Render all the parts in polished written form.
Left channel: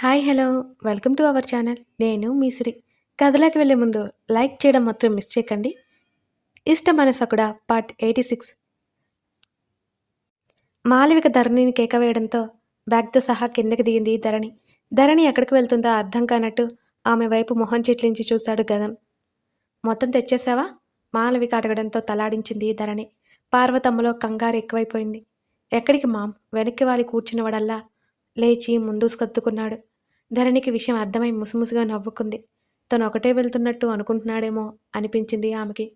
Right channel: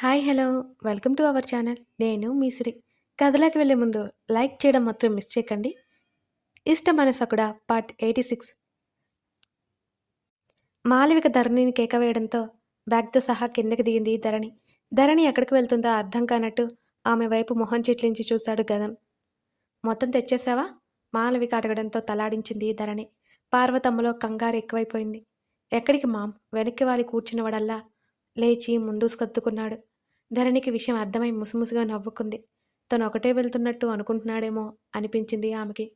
Hi hello welcome to our channel. నేను మీ సిరి. కథలోకి వెళ్ళే ముందు లైక్ చేయడం మాత్రం మిస్ చేయకండి. ఇష్ట మనసకుడ పార్ట్ 86. మాలవిక ధరణిని కేక వేయడంతో బ్యాగ్తో సహా కిందకి దిగింది ధరణి. ధరణి ఎక్కడికి వెళ్తుందో అర్థం కానట్టు ఆమె వైపు మొహం చిట్లించి చూశాడు గగన్. మొత్తం తెచ్చేసావా? మాలవిక అడగడంతో తలాడించింది ధరణి. పార్వతమ్మలో కంగారు ఎక్కువైపోయింది. ఎక్కడికి మామ్? వెనక్కి వాలి కూర్చున్నవాడల్లా లేచి ముందు సర్దుకున్నాడు. ధరణికి విషయం అర్థమై ముసుముసుగా నవ్వుకుంది. తను ఒకటే వెళ్తున్నట్టు అనుకుంటున్నాడేమో అనిపించింది ఆమెకి.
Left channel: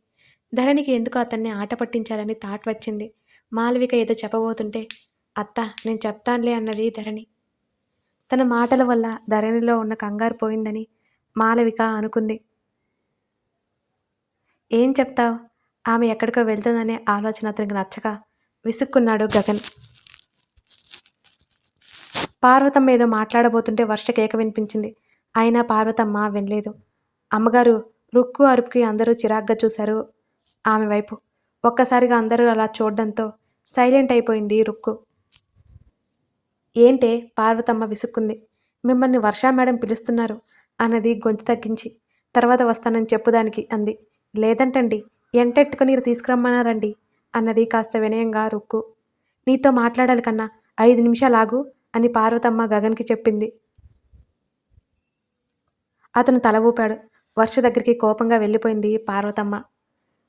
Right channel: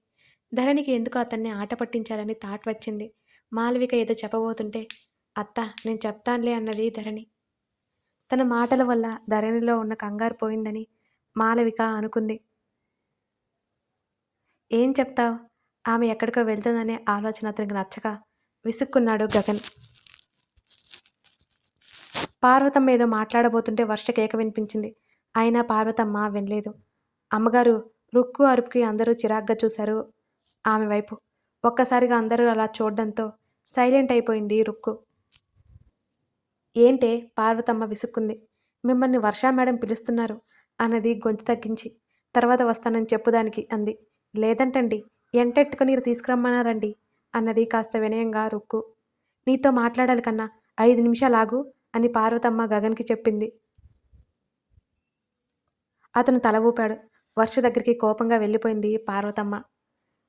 ధరణికి ఎందుకు అతన్ని ఆట పట్టించాలని థాట్ వచ్చింది. మాలవిక ఏదో చెప్పబోతుంటే అత్త నేను చెప్తానులే అన్నది ధరణి. తన మాటల వల్ల ధరణిలో ఉన్న కంగారు పోయిందని మాలవిక అనుకుంది. ఏం చెప్తావు? ఆమె ఎక్కడికో వెళ్తుందనే ఆలోచన అతనికి నచ్చక విసుక్కున్నాడు గగన్. పార్వతమ్మ ఏదో మాట్లాడబోతుంటే వర్ష కేక వినిపించింది. అయినా పార్వతమ్మ వినలేదు. అమ్మగారు రుక్కు అరుపుకి అందరూ చిరాగ్గా చూశారు ఆమె వైపు. ఒక్కసారిగా అందరూ అలా చూడడంతో సైలెంట్ అయిపోయింది రుక్కు. ఏంటే? పార్వతమ్మ విసుక్కుంది. మిమ్మల్ని వర్షా మేడం పిలుస్తున్నారు అన్నది గొంతు తగ్గించి. తర్వాత వస్తానని చెప్పుదానికి అంది. లేదంటండి, ఎంటెట్టుకుని తీసుకురమ్మన్నారండి అన్నది కాస్త వినయంగా రుక్కు. నీతో మాట్లాడాలి కన్నా 5 నిమిషాలు ఆగు అని పార్వతమ్మ గగన్కి చెప్పింది. అతను తల ఊపాడు. వర్ష దగ్గరికి కోపంగా వెళ్ళిపోయింది పార్వతమ్మ.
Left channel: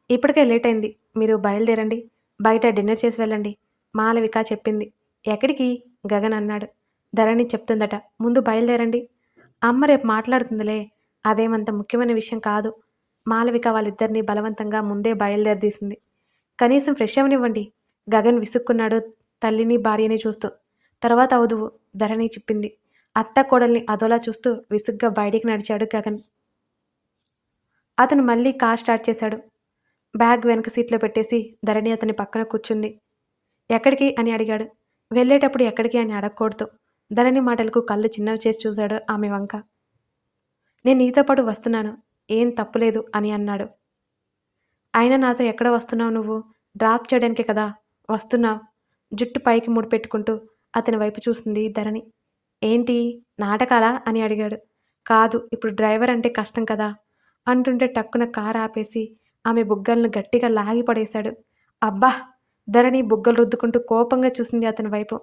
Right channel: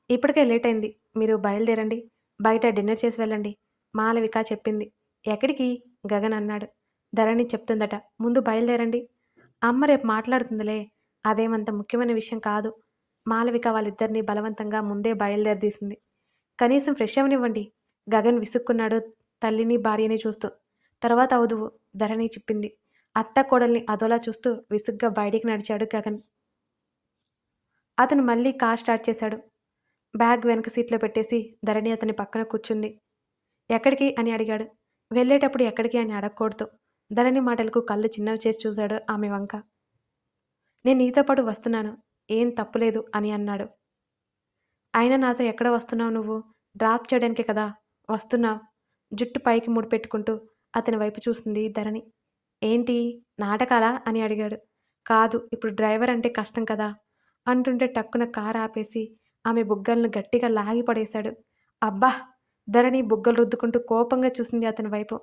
ఇప్పటికే లేట్ అయింది, మీరు బయలుదేరండి, బయట డిన్నర్ చేసి వెళ్ళండి మాలవిక చెప్పింది. ఎక్కడికి? గగన్ అన్నాడు. ధరణి చెప్తుందట, ముందు బయలుదేరండి. అమ్మ రేపు మాట్లాడుతుందిలే, అదేమంత ముఖ్యమైన విషయం కాదు. మాలవిక వాళ్ళిద్దరినీ బలవంతంగా ముందే బయలుదేరదీసింది. కనీసం ఫ్రెష్ అవనివ్వండి. గగన్ విసుక్కున్నాడు తల్లిని భార్యని చూస్తూ. తర్వాత అవుదువు, ధరణి చెప్పింది. అత్త కోడల్ని అదోలా చూస్తూ విసుగ్గా బయటికి నడిచాడు గగన్. అతను మళ్ళీ కార్ స్టార్ట్ చేశాడు. బ్యాగ్ వెనక సీట్లో పెట్టేసి ధరణి అతని పక్కన కూర్చుంది. ఎక్కడికి అని అడిగాడు. వెళ్ళేటప్పుడు ఎక్కడికి అని అడగకూడదు. ధరణి మాటలకు కళ్ళు చిన్నవి చేసి చూశాడు ఆమె వంక. నేను నీతో పాటు వస్తున్నాను, ఏం తప్పులేదు అని అన్నాడు. అయినా నాతో ఎక్కడ వస్తున్నావు నువ్వు? డ్రాప్ చేయడానికే కదా వస్తున్నావు. జుట్టు పైకి ముడిపెట్టుకుంటూ అతని వైపు చూసింది ధరణి. ఏంటి నాటకాలా అని అడిగాడు. కాదు, ఇప్పుడు డ్రైవర్ అంటే కష్టం కదా అంటుంటే టక్కున కారు ఆపేసి ఆమె బుగ్గలను గట్టిగా లాగి పడేశాడు. అబ్బా! ధరణి బుగ్గలు రుద్దుకుంటూ కోపంగా చూసింది అతని వైపు.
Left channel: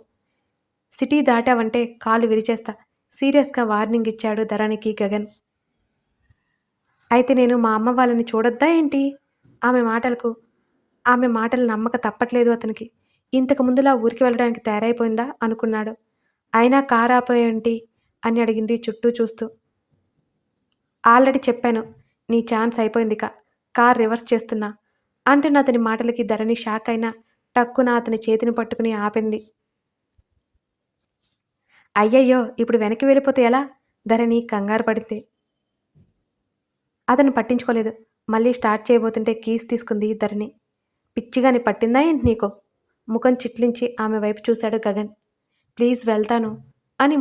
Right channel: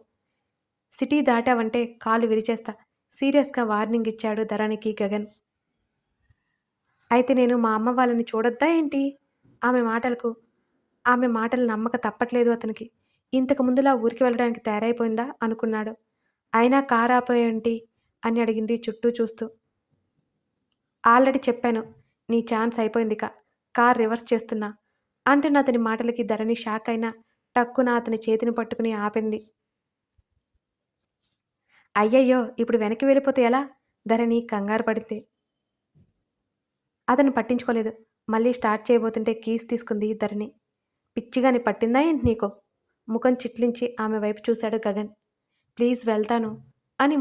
సిటీ దాటావంటే కాలు విరిచేస్తా సీరియస్గా వార్నింగ్ ఇచ్చాడు ధరణికి గగన్. అయితే నేను మా అమ్మ వాళ్ళని చూడొద్దా ఏంటి? ఆమె మాటలు నమ్మక తప్పట్లేదు అతనికి. ఇంతకు ముందులా ఊరికి వెళ్ళడానికి తయారైపోయిందా అనుకున్నాడు. అయినా కారు ఆపేయంటి అని అడిగింది చుట్టూ చూస్తూ. ఆల్రెడీ చెప్పాను, నీ ఛాన్స్ అయిపోయిందిక, కార్ రివర్స్ చేస్తున్నా అంటున్న అతని మాటలకి ధరణి షాక్ అయినా టక్కున అతని చేతిని పట్టుకుని ఆపింది. అయ్యయ్యో, ఇప్పుడు వెనక్కి వెళ్ళిపోతే ఎలా? ధరణి కంగారు పడితే. అతను పట్టించుకోలేదు. మళ్ళీ స్టార్ట్ చేయబోతుంటే కీస్ తీసుకుంది ధరణి. పిచ్చిగాని పట్టిందా ఏంటి నీకు? ముఖం చిట్లించి ఆమె వైపు చూశాడు గగన్. ప్లీజ్ వెళ్తాను అని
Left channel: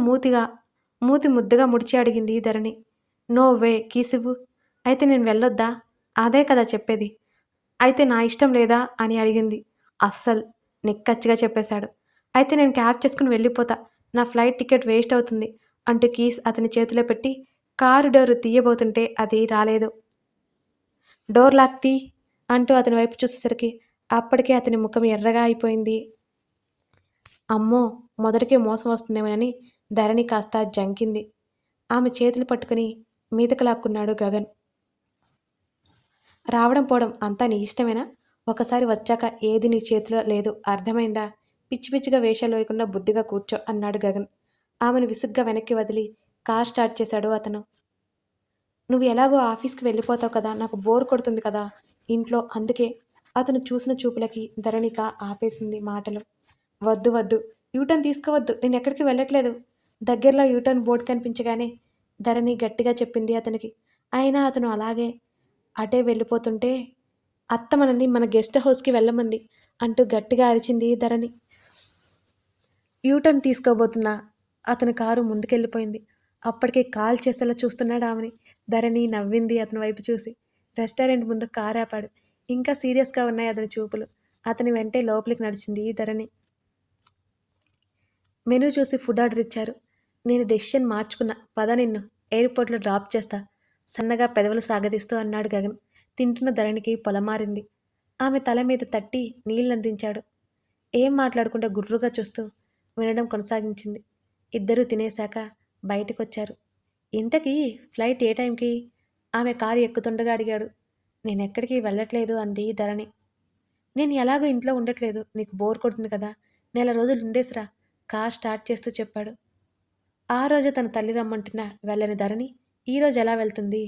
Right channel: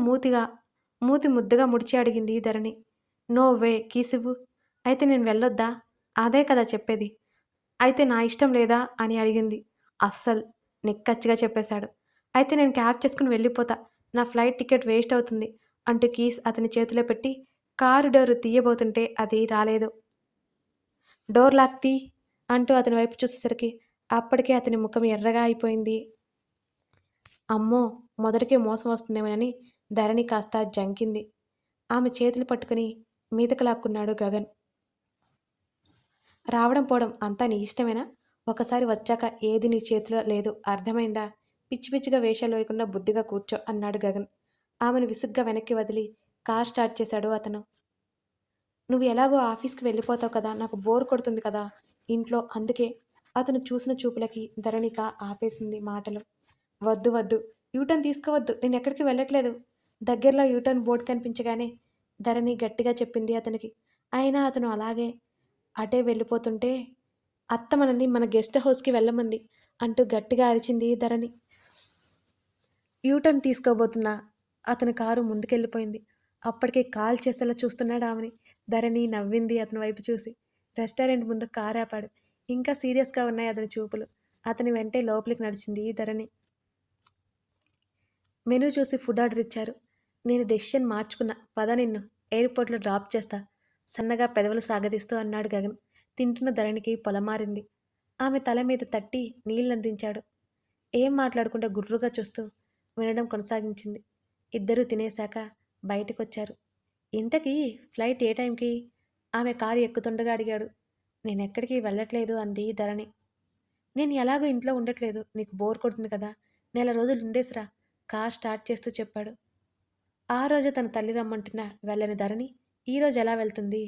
మూతి ముద్దగా ముడిచి అడిగింది ధరణి. No way, కీసివ్వు. అయితే నేను వెళ్ళొద్దా? అదే కదా చెప్పేది. అయితే నా ఇష్టం లేదా అని అడిగింది. అస్సలు, నిక్కచ్చిగా చెప్పేశాడు. అయితే నేను క్యాబ్ చేసుకుని వెళ్ళిపోతా, నా ఫ్లైట్ టికెట్ వేస్ట్ అవుతుంది అంటూ కీస్ అతని చేతిలో పెట్టి కారు డోరు తీయబోతుంటే అది రాలేదు. డోర్ లాక్ తీ అంటూ అతని వైపు చూసేసరికి అప్పటికే అతని ముఖం ఎర్రగా అయిపోయింది. అమ్మో, మొదటికే మోసం వస్తుందేమోనని ధరణి కాస్త జంకింది. ఆమె చేతులు పట్టుకుని మీదకు లాక్కున్నాడు గగన్. రావడం పోవడం అంతా నీ ఇష్టమేనా? ఒకసారి వచ్చాక ఏది నీ చేతిలో లేదు, అర్థమైందా? పిచ్చి పిచ్చిగా వేషాలు వేయకుండా బుద్ధిగా కూర్చో అన్నాడు గగన్. ఆమెను విసుగ్గా వెనక్కి వదిలి కార్ స్టార్ట్ చేశాడు అతను. నువ్వు ఎలాగో ఆఫీస్కి వెళ్ళిపోతావు కదా, నాకు బోర్ కొడుతుంది కదా ఇంట్లో, అందుకే. అతను చూసిన చూపులకి ధరణిక ఆపేసింది మాటలు. వద్దు వద్దు, యూటర్న్ తీసుకోవద్దు, నేను ఎక్కడికి వెళ్ళట్లేదు. దగ్గరలో యూటర్న్ బోర్డు కనిపించగానే ధరణి గట్టిగా చెప్పింది అతనికి. అయినా అతను అలాగే అటే వెళ్ళిపోతుంటే అత్త మనల్ని మన గెస్ట్ హౌస్కి వెళ్ళమంది అంటూ గట్టిగా అరిచింది ధరణి. యూటర్న్ తీసుకోబోతున్నా అతని కారు ముందుకెళ్ళిపోయింది. అప్పటికే కాల్ చేసేలా చూస్తున్నాడు ఆమెని. ధరణి నవ్వింది అతని వైపు చూసి. రెస్టారెంట్ ముందు కారు ఆపాడు. ఇంకా సీరియస్గా ఉన్నాయి అతని చూపులు. అతని వెంటే లోపలికి నడిచింది ధరణి. మెనూ చూసి ఫుడ్ ఆర్డర్ ఇచ్చారు. నేను డెసిషన్ మార్చుకున్నా. పద నిన్ను ఎయిర్‌పోర్ట్‌లో డ్రాప్ చేస్తా. సన్నగా పెదవులు సాగదీస్తూ అన్నాడు గగన్. తింటున్న ధరణికి పొలమారింది. ఆమె తల మీద తట్టి నీళ్లందించాడు. ఏం మాట్లాడకుండా గుర్రుగా చూస్తూ వినడం కొనసాగించింది. ఇద్దరూ తినేశాక బయటకొచ్చారు. ఇంతకీ ఫ్లైట్ ఏ టైంకి? ఆమె కారు ఎక్కుతుండగా అడిగాడు. నేనెక్కడికి వెళ్ళట్లేదు అంది ధరణి. నేను ఎలాగో ఇంట్లో ఉండట్లేదు. నీకు బోర్ కొడుతుంది కదా! నెల రోజులు ఉండేసిరా కార్ స్టార్ట్ చేస్తూ చెప్పాడు. ఆ రోజు తన తల్లి రమ్మంటున్నా వెళ్ళని ధరణి ఈరోజు ఎలా వెళ్తుంది?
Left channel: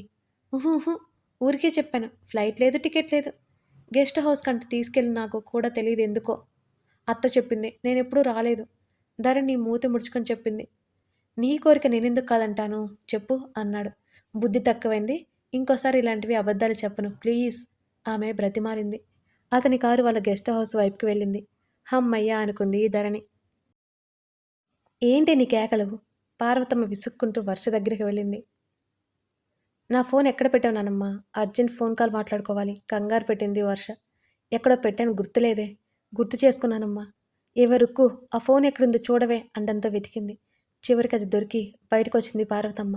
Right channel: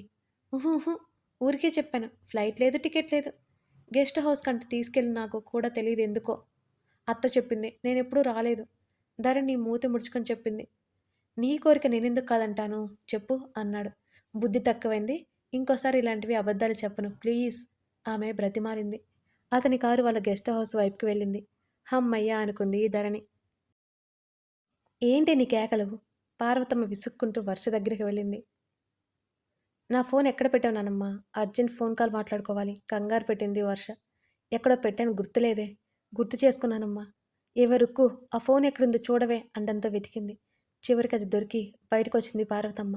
ఉహుహు ఊరికే చెప్పాను. ఫ్లైట్ లేదు, టికెట్ లేదు. గెస్ట్ హౌస్ కంటే తీసుకెళ్ళి నాకు కూడా తెలియదు ఎందుకో. అత్త చెప్పింది. నేనెప్పుడూ రాలేదు. ధరణి మూతి ముడుచుకొని చెప్పింది. నీ కోరిక నేనెందుకు కాదంటాను చెప్పు అన్నాడు. బుద్ధి తక్కువైంది. ఇంకోసారి ఇలాంటివి అబద్ధాలు చెప్పను ప్లీజ్ ఆమె బ్రతిమాలింది. అతని కారు వాళ్ళ గెస్ట్ హౌస్ వైపుకి వెళ్ళింది. హమ్మయ్య అనుకుంది ధరణి. ఏంటి నీ కేకలు? పార్వతమ్మ విసుక్కుంటూ వర్ష దగ్గరికి వెళ్ళింది. నా ఫోన్ ఎక్కడ పెట్టావు నానమ్మ? అర్జెంట్ ఫోన్ కాల్ మాట్లాడుకోవాలి కంగారు పెట్టింది వర్ష. ఎక్కడో పెట్టాను గుర్తులేదే. గుర్తు చేసుకున్నానమ్మా. ఎవరుక్కు ఆ ఫోన్ ఎక్కడుందో చూడవే అండంతో వెతికింది. చివరికి అది దొరికి బయటకొచ్చింది పార్వతమ్మ.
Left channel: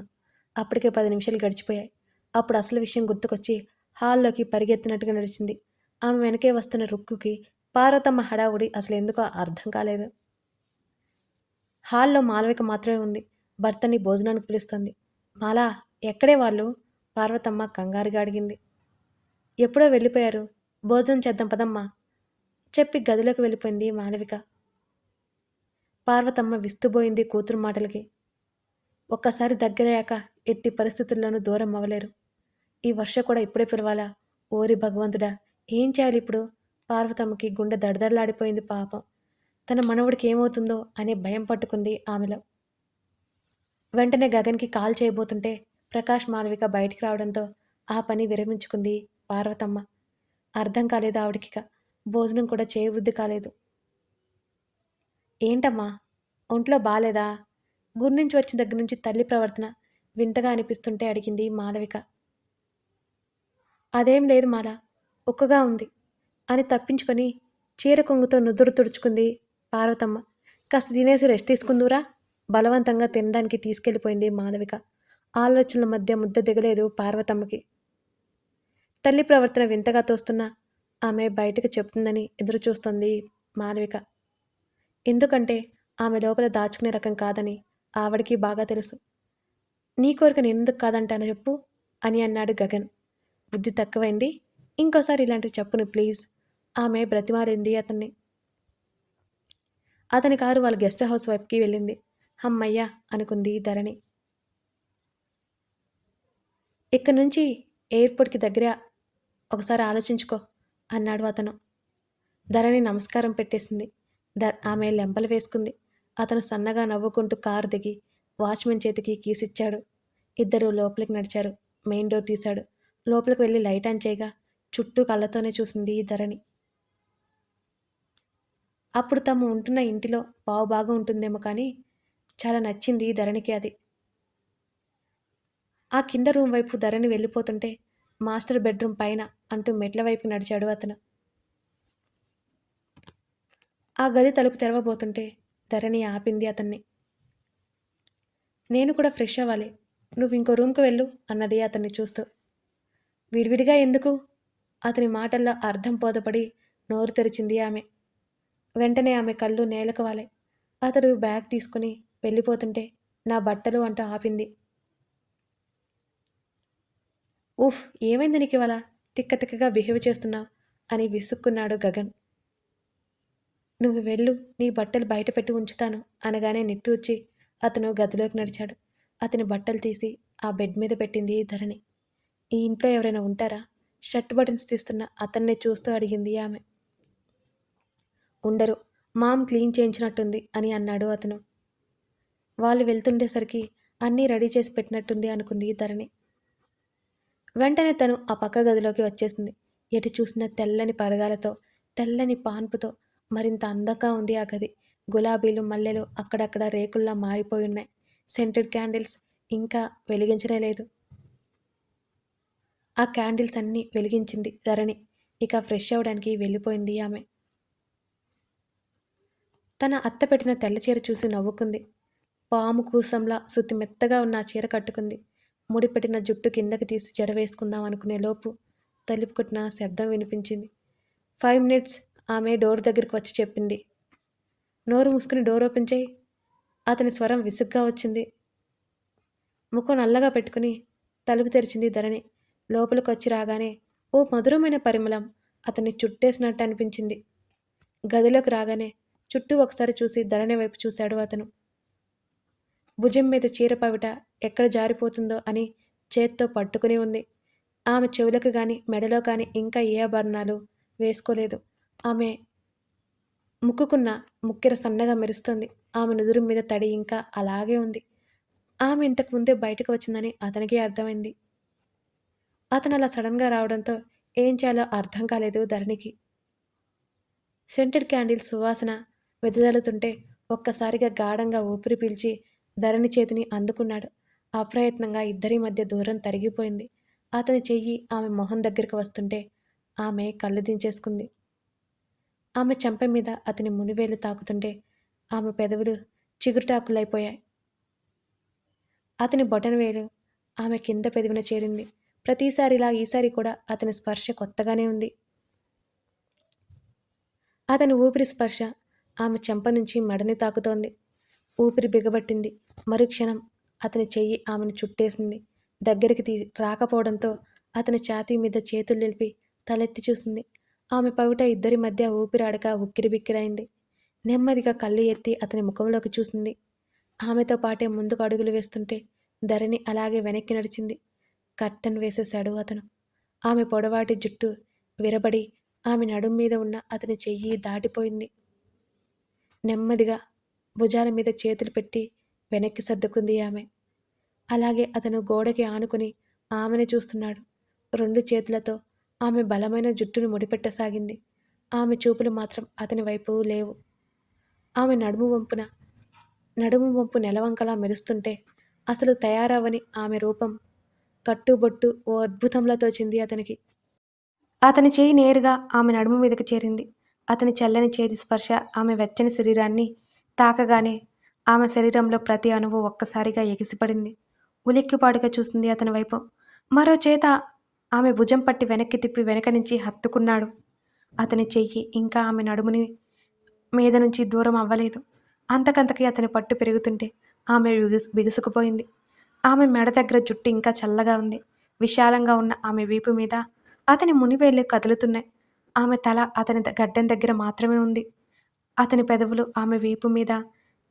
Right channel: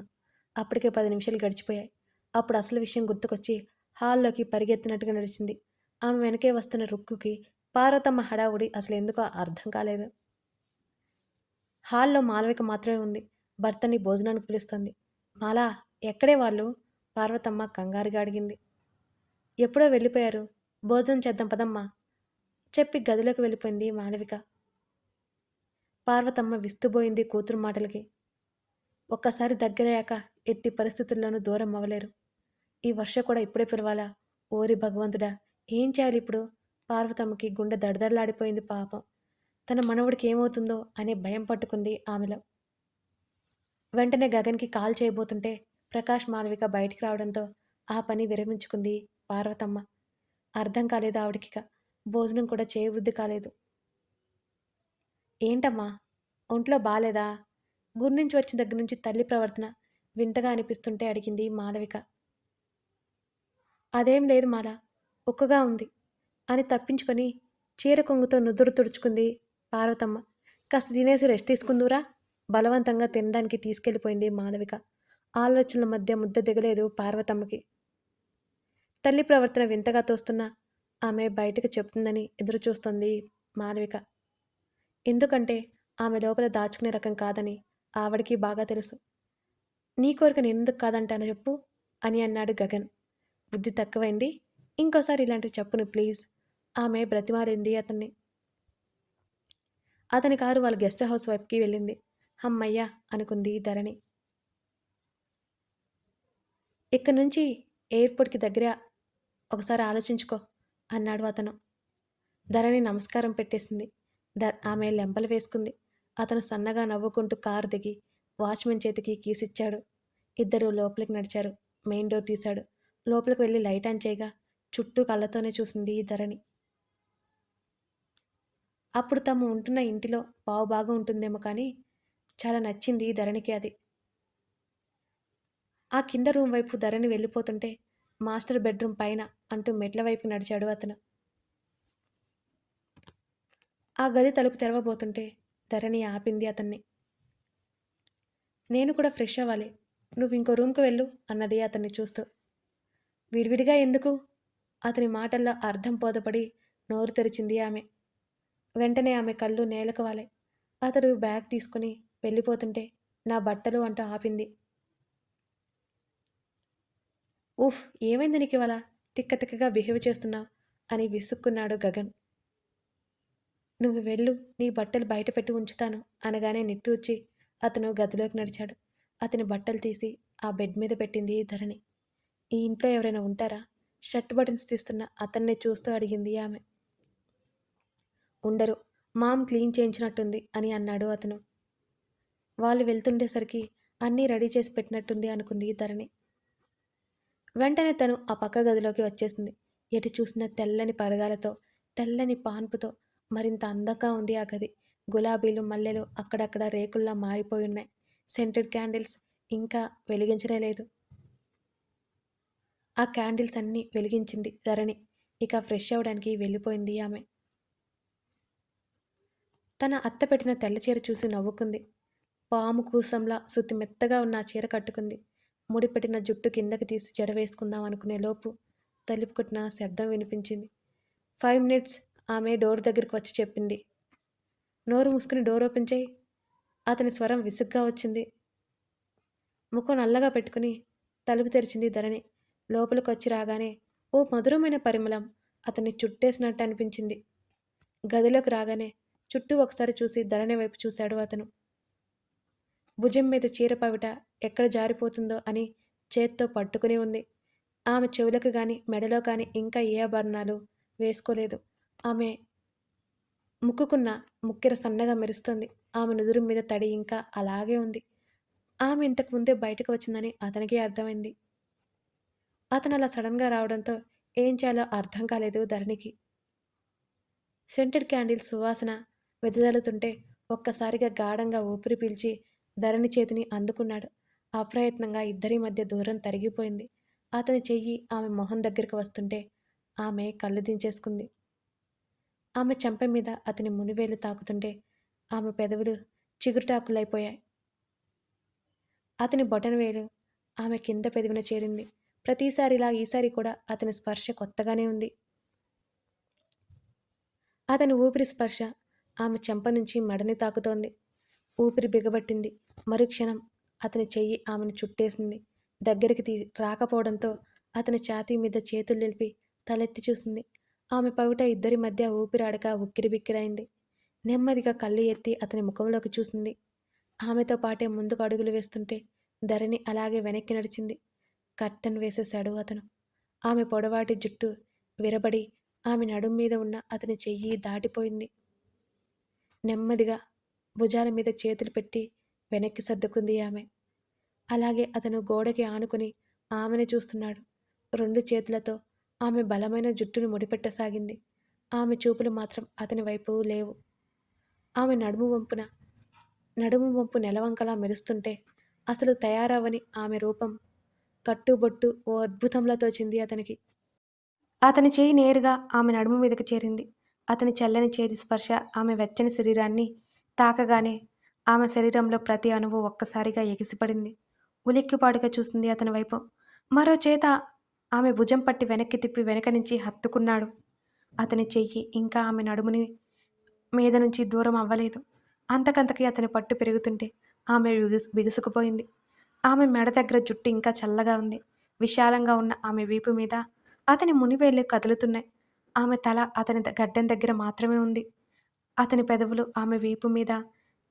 అప్పటికే 10 నిమిషాలు గడిచిపోయాయి. అప్పుడు అసలు విషయం గుర్తుకొచ్చి హాల్లోకి పరిగెత్తినట్టుగా నడిచింది. ఆమె వెనకే వస్తున్న రుక్కుకి పార్వతమ్మ హడావుడి అసలు ఎందుకో అర్థం కాలేదు. హాల్లో మాలవిక మాత్రమే ఉంది. భర్తని భోజనానికి పిలుస్తుంది. మాలా ఎక్కడే వాళ్ళు? పార్వతమ్మ కంగారుగా అడిగింది. ఎప్పుడో వెళ్ళిపోయారు. భోజనం చేద్దాం పదమ్మా చెప్పి గదిలోకి వెళ్ళిపోయింది మాలవిక. పార్వతమ్మ విస్తుబోయింది కూతురు మాటలకి. ఒక్కసారి దగ్గరయ్యాక ఎట్టి పరిస్థితుల్లోనూ దూరం అవ్వలేరు. ఈ వర్ష కూడా ఇప్పుడే పిలవాలా? ఓరి భగవంతుడా! ఏం చేయాలి ఇప్పుడు? పార్వతమ్మకి గుండె దడదడలాడిపోయింది పాపం. తన మనవడికి ఏమవుతుందో అనే భయం పట్టుకుంది ఆమెలో. వెంటనే గగన్కి కాల్ చేయబోతుంటే ప్రకాష్ మాలవిక బయటికి రావడంతో ఆ పని విరమించుకుంది పార్వతమ్మ. అర్థం కాలేదు ఆవిడకిక. భోజనం కూడా చేయబుద్ధి కాలేదు. ఏంటమ్మా ఒంట్లో బాలేదా? గురి నుంచి వచ్చిన దగ్గర నుంచి తల్లి ప్రవర్తన వింతగా అనిపిస్తుంటే అడిగింది మాలవిక. అదేం లేదు మాల, ఉక్కగా ఉంది అని తప్పించుకొని చీర కొంగుతో నుదురు తుడుచుకుంది పార్వతమ్మ. కాస్త తినేసి రెస్ట్ తీసుకుందూరా బలవంతంగా తినడానికి తీసుకెళ్ళిపోయింది మాలవిక. ఆలోచనల మధ్య ముద్ద దిగలేదు పార్వతమ్మకి. తల్లి ప్రవర్తన వింతగా తోస్తున్నా ఆమె బయటకు చెప్తుందని ఎదురుచూస్తోంది మాలవిక. ఎందుకంటే ఆమె లోపల దాచుకునే రకం కాదని ఆవిడికి బాగా తెలుసు. నీ కోరిక నేనెందుకు కాదంటాను చెప్పు అని అన్నాడు గగన్. బుద్ధి తక్కువైంది. ఇంకోసారి ఇలాంటివి చెప్పును ప్లీజ్ ఆమె బ్రతిమాలింది అతన్ని. అతని కారు వాళ్ళ గెస్ట్ హౌస్ వైపుకి వెళ్ళింది. హమ్మయ్య అనుకుంది ధరణి. ఇక్కడి నుంచి ఎయిర్పోర్ట్కి దగ్గర ఒకసారి ఆలోచించుకో అన్నాడు అతను. ధరణి నమస్కారం పెట్టేసింది. ఆమె లెంపలు వేసుకుంది. అతను సన్నగా నవ్వుకుంటూ కారు దిగి వాచ్మెన్ చేతికి కీసిచ్చాడు. ఇద్దరూ లోపలికి నడిచారు. మెయిన్ డోర్ తీశాడు. లోపలికి వెళ్ళి లైట్ ఆన్ చేయగా చుట్టూ కళ్ళతోనే చూసింది ధరణి. అప్పుడు తాము ఉంటున్న ఇంటిలో బాగా ఉంటుందేమో కానీ చాలా నచ్చింది ధరణికి అది. ఆ కింద రూమ్ వైపు ధరణి వెళ్ళిపోతుంటే మాస్టర్ బెడ్రూమ్ పైన అంటూ మెట్ల వైపు నడిచాడు అతను. ఆ గది తలుపు తెరవబోతుంటే ధరణి ఆపింది అతన్ని. నేను కూడా ఫ్రెష్ అవ్వాలి. నువ్వు ఇంకో రూమ్కి వెళ్ళు అన్నది అతన్ని చూస్తూ. విడివిడిగా ఎందుకు? అతని మాటల్లో అర్థం బోధపడి నోరు తెరిచింది ఆమె. వెంటనే ఆమె కళ్ళు నేలకు వాలాయి. అతడు బ్యాగ్ తీసుకుని వెళ్ళిపోతుంటే నా బట్టలు అంటూ ఆపింది. ఉఫ్ ఏమైంది నీకు ఇవాళ? తిక్క తిక్కగా బిహేవ్ చేస్తున్నావు అని విసుక్కున్నాడు గగన్. నువ్వు వెళ్ళు, నీ బట్టలు బయట పెట్టి ఉంచుతాను అనగానే నిట్టూర్చి అతను గదిలోకి నడిచాడు. అతని బట్టలు తీసి ఆ బెడ్ మీద పెట్టింది ధరణి. ఈ ఇంట్లో ఎవరైనా ఉంటారా? షర్ట్ బటన్స్ తీస్తున్న అతన్నే చూస్తూ అడిగింది ఆమె. ఉండరు, మామ్ క్లీన్ చేయించినట్టుంది అని అన్నాడు అతను. వాళ్ళు వెళ్తుండేసరికి అన్నీ రెడీ చేసి పెట్టినట్టుంది అనుకుంది ధరణి. వెంటనే తను ఆ పక్క గదిలోకి వచ్చేసింది. ఎటు చూసిన తెల్లని పరదాలతో తెల్లని పాన్పుతో మరింత అందంగా ఉంది ఆ గది. గులాబీలు మల్లెలు అక్కడక్కడ రేకుల్లా మారిపోయి ఉన్నాయి. సెంటెడ్ క్యాండిల్స్ ఇంకా వెలిగించనే లేదు. ఆ క్యాండిల్స్ అన్నీ వెలిగించింది ధరణి. ఇక ఫ్రెష్ అవ్వడానికి వెళ్ళిపోయింది ఆమె. తన అత్త పెట్టిన తెల్ల చీర చూసి నవ్వుకుంది. పాము కూసంలా సుత్తి మెత్తగా ఉన్న ఆ చీర కట్టుకుంది. ముడిపెట్టిన జుట్టు కిందకి తీసి జడ వేసుకుందాం అనుకునే లోపు తలుపు కొట్టిన శబ్దం వినిపించింది. 5 మినిట్స్ ఆమె డోర్ దగ్గరికి వచ్చి చెప్పింది. నోరు మూసుకుని డోర్ ఓపెన్ చేయి. అతని స్వరం విసుగ్గా వచ్చింది. ముఖం నల్లగా పెట్టుకుని తలుపు తెరిచింది ధరణి. లోపలికి వచ్చి రాగానే ఓ మధురమైన పరిమళం అతన్ని చుట్టేసినట్టు అనిపించింది. గదిలోకి రాగానే చుట్టూ ఒకసారి చూసి ధరణి వైపు చూశాడు అతను. భుజం మీద చీర పవిట ఎక్కడ జారిపోతుందో అని చేత్తో పట్టుకుని ఉంది. ఆమె చెవులకు గాని మెడలో కానీ ఇంకా ఏ ఆభరణాలు వేసుకోలేదు. ఆమె ముక్కుకున్న ముక్కెర సన్నగా మెరుస్తుంది. ఆమె నుదురు మీద తడి ఇంకా అలాగే ఉంది. ఆమె ఇంతకు ముందే బయటకు వచ్చిందని అతనికి అర్థమైంది. అతను అలా సడన్గా రావడంతో ఏం చేయాలో అర్థం కాలేదు ధరణికి. సెంటెడ్ క్యాండిల్ సువాసన వెదజల్లుతుంటే ఒక్కసారిగా గాఢంగా ఊపిరి పీల్చి ధరణి చేతిని అందుకున్నాడు. అప్రయత్నంగా ఇద్దరి మధ్య దూరం తరిగిపోయింది. అతని చెయ్యి ఆమె మొహం దగ్గరికి వస్తుంటే ఆమె కళ్ళు దించేసుకుంది. ఆమె చెంప మీద అతని మునివేలు తాకుతుంటే ఆమె పెదవులు చిగురుటాకులైపోయాయి. అతని బొటనవేలు ఆమె కింద పెదవిన చేరింది. ప్రతిసారిలా ఈసారి కూడా అతని స్పర్శ కొత్తగానే ఉంది. అతని ఊపిరి స్పర్శ ఆమె చెంప నుంచి మెడని తాకుతోంది. ఊపిరి బిగబట్టింది. మరుక్షణం అతని చెయ్యి ఆమెను చుట్టేసింది. దగ్గరికి రాకపోవడంతో అతని ఛాతీ మీద చేతులు నిలిపి తలెత్తి చూసింది. ఆమె పవిట ఇద్దరి మధ్య ఊపిరాడక ఉక్కిరిబిక్కిరైంది. నెమ్మదిగా కళ్ళు ఎత్తి అతని ముఖంలోకి చూసింది. ఆమెతో పాటే ముందుకు అడుగులు వేస్తుంటే ధరణి అలాగే వెనక్కి నడిచింది. కర్టన్ వేసేశాడు అతను. ఆమె పొడవాటి జుట్టు విరబడి ఆమె నడుం మీద ఉన్న అతని చెయ్యి దాటిపోయింది. నెమ్మదిగా భుజాల మీద చేతులు పెట్టి వెనక్కి సర్దుకుంది ఆమె. అలాగే అతను గోడకి ఆనుకుని ఆమెను చూస్తున్నాడు. 2 చేతులతో ఆమె బలమైన జుట్టును ముడిపెట్టసాగింది. ఆమె చూపులు మాత్రం అతని వైపు లేవు. ఆమె నడుము వంపు నెలవంకలా మెరుస్తుంటే అసలు తయారవని ఆమె రూపం కట్టుబొట్టు ఓ అద్భుతంలా తోచింది అతనికి. అతని చేయి నేరుగా ఆమె నడుము మీదకి చేరింది. అతని చల్లని చేతి స్పర్శ ఆమె వెచ్చని శరీరాన్ని తాకగానే ఆమె శరీరంలో ప్రతి అణువు ఒక్కసారిగా ఎగిసిపడింది. ఉలిక్కిపాటుగా చూసింది అతని వైపు. మరో చేత ఆమె భుజం పట్టి వెనక్కి తిప్పి వెనక నుంచి హత్తుకున్నాడు. అతని చెయ్యి ఇంకా ఆమె నడుముని మీద నుంచి దూరం అవ్వలేదు. అంతకంతకి అతని పట్టు పెరుగుతుంటే ఆమె బిగుసుకుపోయింది. ఆమె మెడ దగ్గర జుట్టు ఇంకా చల్లగా ఉంది. విశాలంగా ఉన్న ఆమె వీపు మీద అతని మునివేళ్ళు కదులుతున్నాయి. ఆమె తల అతని గడ్డం దగ్గర మాత్రమే ఉంది. అతని పెదవులు ఆమె వీపు మీద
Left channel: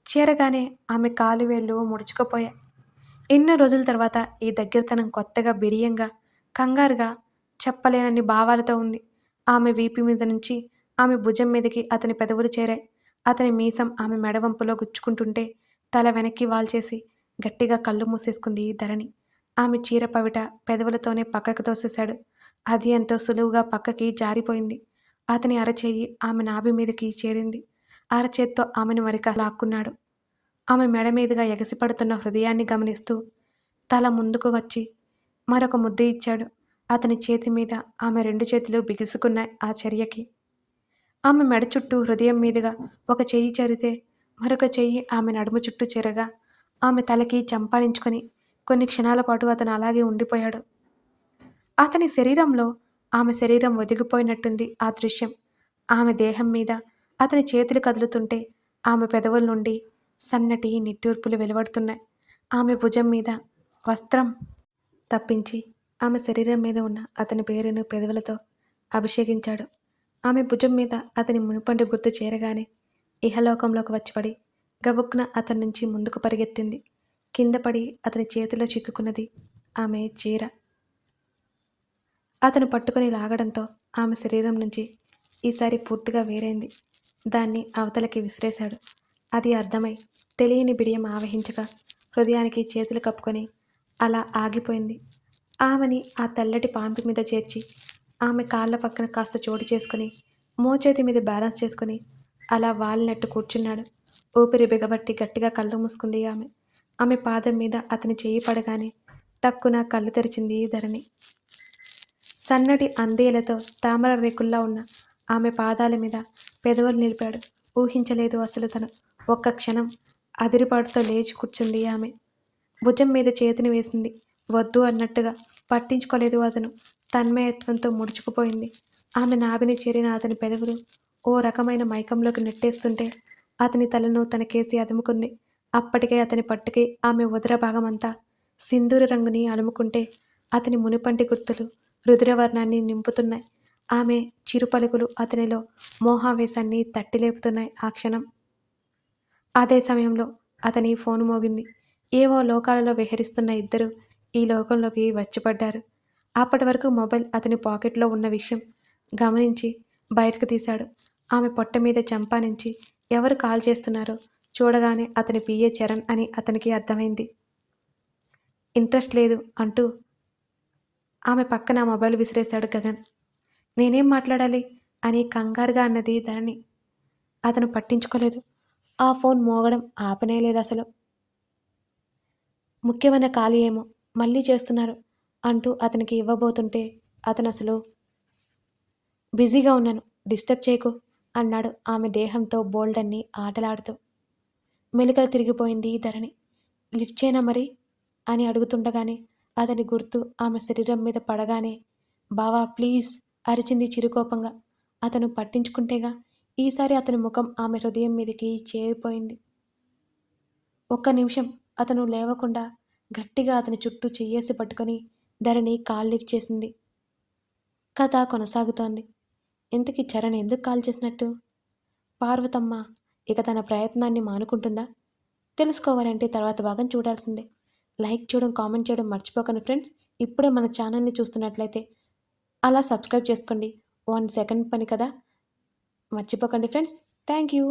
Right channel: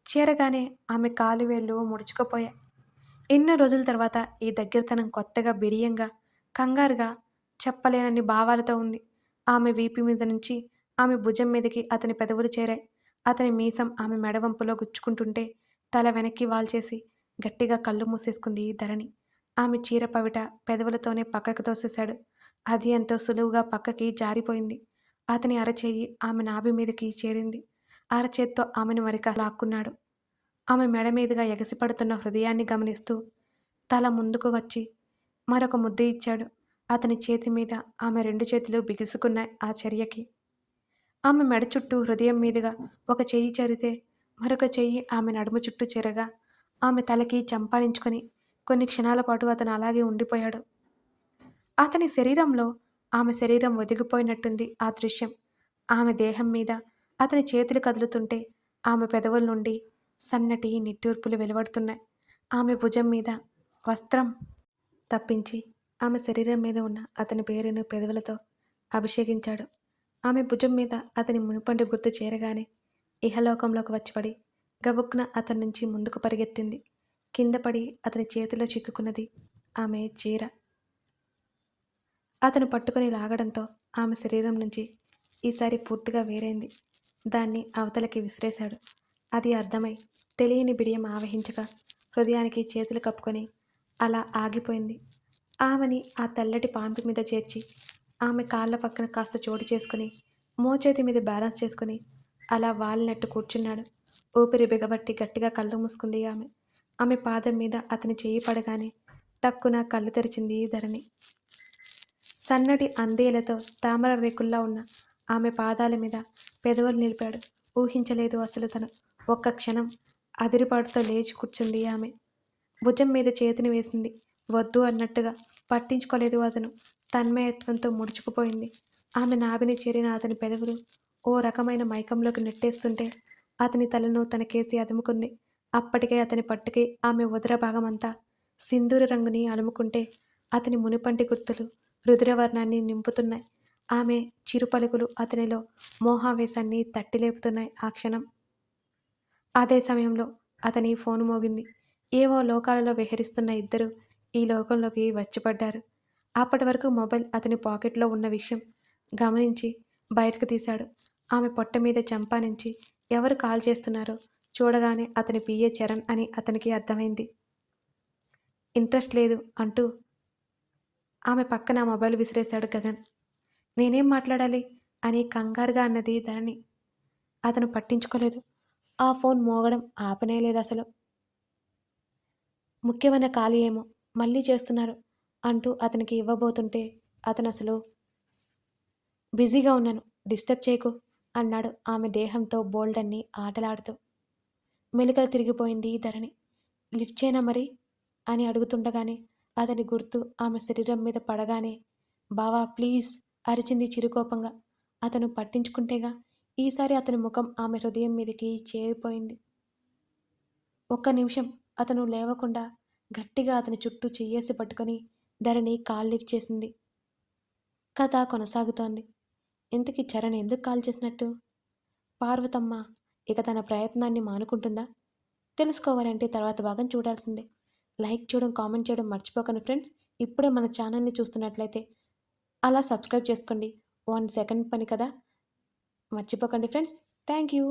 చేరగానే ఆమె కాలువేళ్ళు ముడుచుకుపోయాయి. ఎన్నో రోజుల తర్వాత ఈ దగ్గరతనం కొత్తగా బిడియంగా కంగారుగా చెప్పలేనన్ని భావాలతో ఉంది. ఆమె వీపు మీద నుంచి ఆమె భుజం మీదకి అతని పెదవులు చేరాయి. అతని మీసం ఆమె మెడవంపులో గుచ్చుకుంటుంటే తల వెనక్కి వాల్చేసి గట్టిగా కళ్ళు మూసేసుకుంది ధరణి. ఆమె చీర పవిట పెదవులతోనే పక్కకు తోసేశాడు. అది ఎంతో సులువుగా పక్కకి జారిపోయింది. అతని అరచేయి ఆమె నాభి మీదకి చేరింది. అరచేత్తో ఆమెను మరిక లాక్కున్నాడు. ఆమె మెడ మీదుగా ఎగసిపడుతున్న హృదయాన్ని గమనిస్తూ తల ముందుకు వచ్చి మరొక ముద్దు ఇచ్చాడు. అతని చేతి మీద ఆమె 2 చేతులు బిగుసుకున్నాయి ఆ చర్యకి. ఆమె మెడ చుట్టూ హృదయం మీదుగా ఒక చెయ్యి చరితే మరొక చెయ్యి ఆమె నడుము చుట్టూ చేరగా ఆమె తలకి చంపాలించుకొని కొన్ని క్షణాల పాటు అతను అలాగే ఉండిపోయాడు. అతని శరీరంలో ఆమె శరీరం ఒదిగిపోయినట్టుంది ఆ దృశ్యం. ఆమె దేహం మీద అతని చేతులు కదులుతుంటే ఆమె పెదవుల నుండి సన్నటి నిట్టూర్పులు వెలువడుతున్నాయి. ఆమె భుజం మీద వస్త్రం తప్పించి ఆమె శరీరం మీద ఉన్న అతని పేరును పెదవులతో అభిషేకించాడు. ఆమె భుజం మీద అతని మునుపండు గుర్తు చేరగానే ఇహలోకంలోకి వచ్చిపడి గబుక్కున అతని నుంచి ముందుకు పరిగెత్తింది. కింద పడి అతని చేతిలో చిక్కుకున్నది ఆమె చీర. అతను పట్టుకుని లాగడంతో ఆమె శరీరం నుంచి ఈసారి పూర్తిగా వేరైంది. దాన్ని అవతలకి విసిరేశాడు. అది అర్థమై తెలియని బిడియం ఆవహించగా హృదయానికి చేతులు కప్పుకొని అలా ఆగిపోయింది. ఆమెని ఆ తెల్లటి పాంపి మీద చేర్చి ఆమె కాళ్ళ పక్కన కాస్త చోటు చేసుకుని మోచేతి మీద బ్యాలెన్స్ చేసుకుని అలా వాలినట్టు కూర్చున్నాడు. ఊపిరి బిగబట్టి గట్టిగా కళ్ళు మూసుకుంది ఆమె. ఆమె పాదం మీద అతని చెయ్యి పడగానే టక్కున కళ్ళు తెరిచింది ధరణి. సన్నటి అందేలతో తామర రేకుల్లా ఉన్న ఆమె పాదాల మీద పెదవులు నిలిపాడు. ఊహించలేదు అసలు తను. ఒక్క క్షణం అదిరిపాటుతో లేచి కూర్చుంది ఆమె. భుజం మీద చేతిని వేసింది. వద్దు అన్నట్టుగా. పట్టించుకోలేదు అతను. తన్మయత్వంతో ముడుచుకుపోయింది. ఆమె నాభిని చేరిన అతని పెదవులు ఓ రకమైన మైకంలోకి నెట్టేస్తుంటే అతని తలను తనకేసి అదుముకుంది. అప్పటికే అతని పట్టుకి ఆమె ఉదర భాగమంతా సింధూర రంగుని అలుముకుంటే అతని మునిపంటి గుర్తులు రుధిరవర్ణాన్ని నింపుతున్నాయి. ఆమె చిరుపలుకులు అతనిలో మోహావేశాన్ని తట్టిలేపుతున్నాయి ఆ క్షణం. అదే సమయంలో అతని ఫోను మోగింది. ఏవో లోకాలలో విహరిస్తున్న ఇద్దరు ఈ లోకంలోకి వచ్చిపడ్డారు. అప్పటి వరకు మొబైల్ అతని పాకెట్లో ఉన్న విషయం గమనించి బయటకు తీశాడు. ఆమె పొట్ట మీద చెంపా నుంచి ఎవరు కాల్ చేస్తున్నారో చూడగానే అతని పిఏ చరణ్ అని అతనికి అర్థమైంది. ఇంట్రెస్ట్ లేదు అంటూ ఆమె పక్కన మొబైల్ విసిరేశాడు గగన్. నేనేం మాట్లాడాలి అని కంగారుగా అన్నది ధరణి. అతను పట్టించుకోలేదు. ఆ ఫోన్ మోగడం ఆపనేలేదు అసలు. ముఖ్యమైన కాల్ ఏమో మళ్ళీ చేస్తున్నారు అంటూ అతనికి ఇవ్వబోతుంటే అతను అసలు బిజీగా ఉన్నాను, డిస్టర్బ్ చేయకు అన్నాడు ఆమె దేహంతో బోల్డన్ని ఆటలాడుతూ. మెలికలు తిరిగిపోయింది ధరణి. లిఫ్ట్ చేయనా మరి అని అడుగుతుండగానే అతని గుర్తు ఆమె శరీరం మీద పడగానే బావా ప్లీజ్ అరిచింది చిరుకోపంగా. అతను పట్టించుకుంటేగా. ఈసారి అతని ముఖం ఆమె హృదయం మీదకి చేరిపోయింది. ఒక్క నిమిషం అతను లేవకుండా గట్టిగా అతని చుట్టూ చెయ్యేసి పట్టుకొని ధరణి కాల్ లిఫ్ట్ చేసింది. కథ కొనసాగుతోంది. ఇంతకీ చరణ్ ఎందుకు కాల్ చేసినట్టు? పార్వతమ్మ ఇక తన ప్రయత్నాన్ని మానుకుంటుందా? తెలుసుకోవాలంటే తర్వాత భాగం చూడాల్సిందే. లైక్ చేయడం, కామెంట్ చేయడం మర్చిపోకండి ఫ్రెండ్స్. ఇప్పుడే మన ఛానల్ని చూస్తున్నట్లయితే అలా సబ్స్క్రైబ్ చేసుకోండి. 1 సెకండ్ పని కదా, మర్చిపోకండి ఫ్రెండ్స్. Thank you.